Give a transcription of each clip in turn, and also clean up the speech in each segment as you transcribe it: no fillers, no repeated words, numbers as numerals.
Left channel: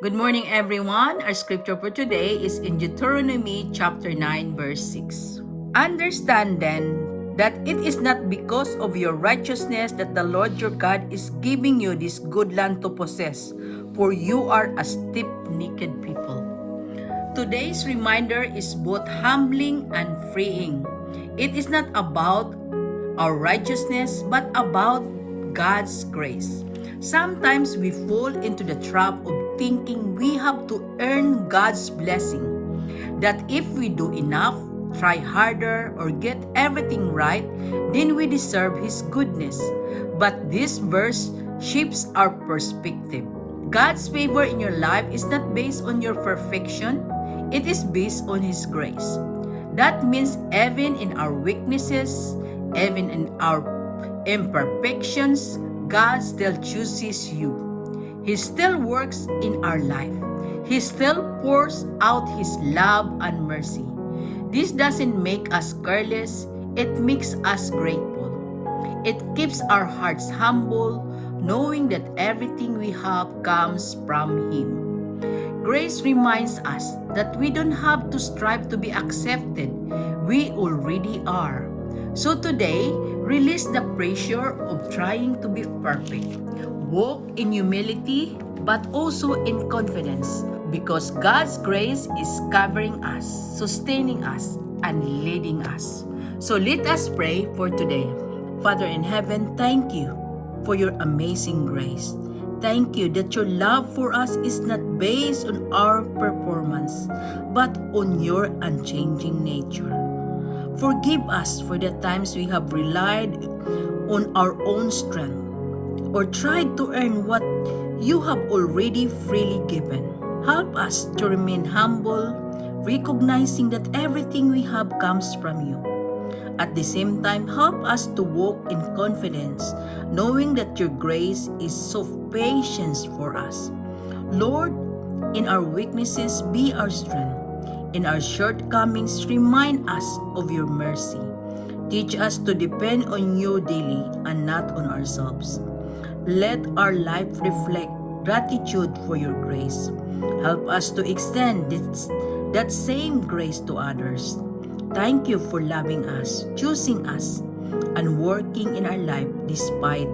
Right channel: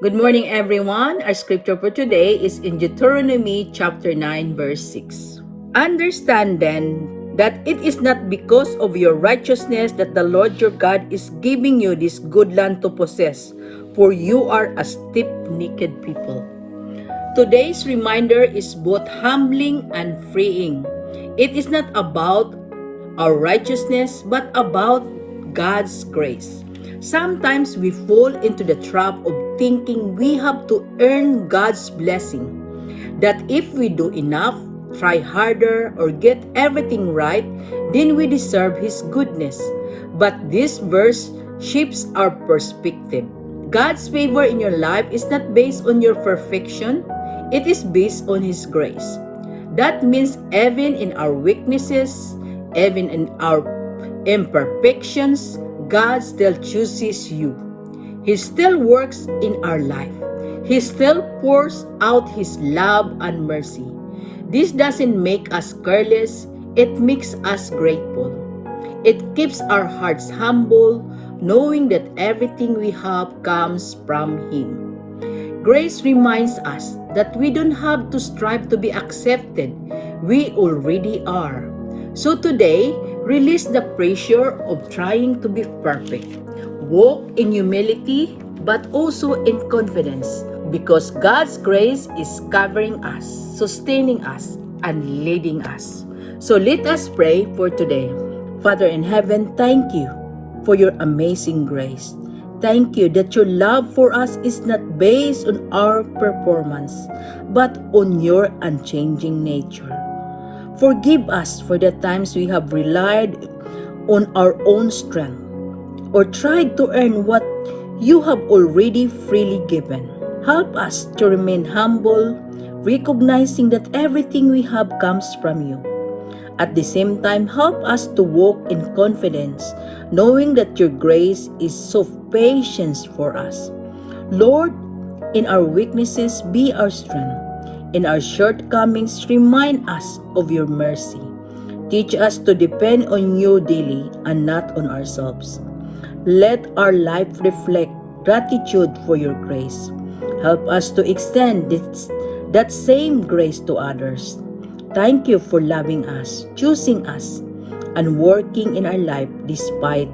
Good morning, everyone. Our scripture for today is in Deuteronomy chapter 9, verse 6. Understand then that it is not because of your righteousness that the Lord your God is giving you this good land to possess, for you are a stiff-necked people. Today's reminder is both humbling and freeing. It is not about our righteousness, but about God's grace. Sometimes we fall into the trap of thinking we have to earn God's blessing, that if we do enough, try harder, or get everything right, then we deserve His goodness. But this verse shifts our perspective. God's favor in your life is not based on your perfection, it is based on His grace. That means even in our weaknesses, even in our imperfections, God still chooses you. He still works in our life. He still pours out His love and mercy. This doesn't make us careless, it makes us grateful. It keeps our hearts humble, knowing that everything we have comes from Him. Grace reminds us that we don't have to strive to be accepted. We already are. So today, release the pressure of trying to be perfect. Walk in humility, but also in confidence, because God's grace is covering us, sustaining us, and leading us. So let us pray for today. Father in heaven, thank you for your amazing grace. Thank you that your love for us is not based on our performance, but on your unchanging nature. Forgive us for the times we have relied on our own strength or tried to earn what you have already freely given. Help us to remain humble, recognizing that everything we have comes from you. At the same time, help us to walk in confidence, knowing that your grace is so patient for us. Lord, in our weaknesses, be our strength. In our shortcomings, remind us of your mercy. Teach us to depend on you daily and not on ourselves. Let our life reflect gratitude for your grace. Help us to extend that same grace to others. Thank you for loving us, choosing us, and working in our life despite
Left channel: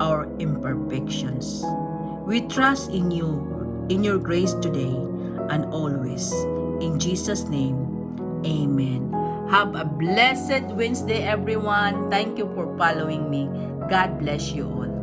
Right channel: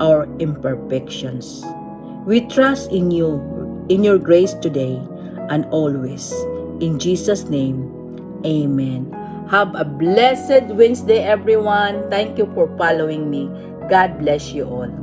our imperfections. We trust in you, in your grace today and always. In Jesus' name, amen. Have a blessed Wednesday, everyone. Thank you for following me. God bless you all.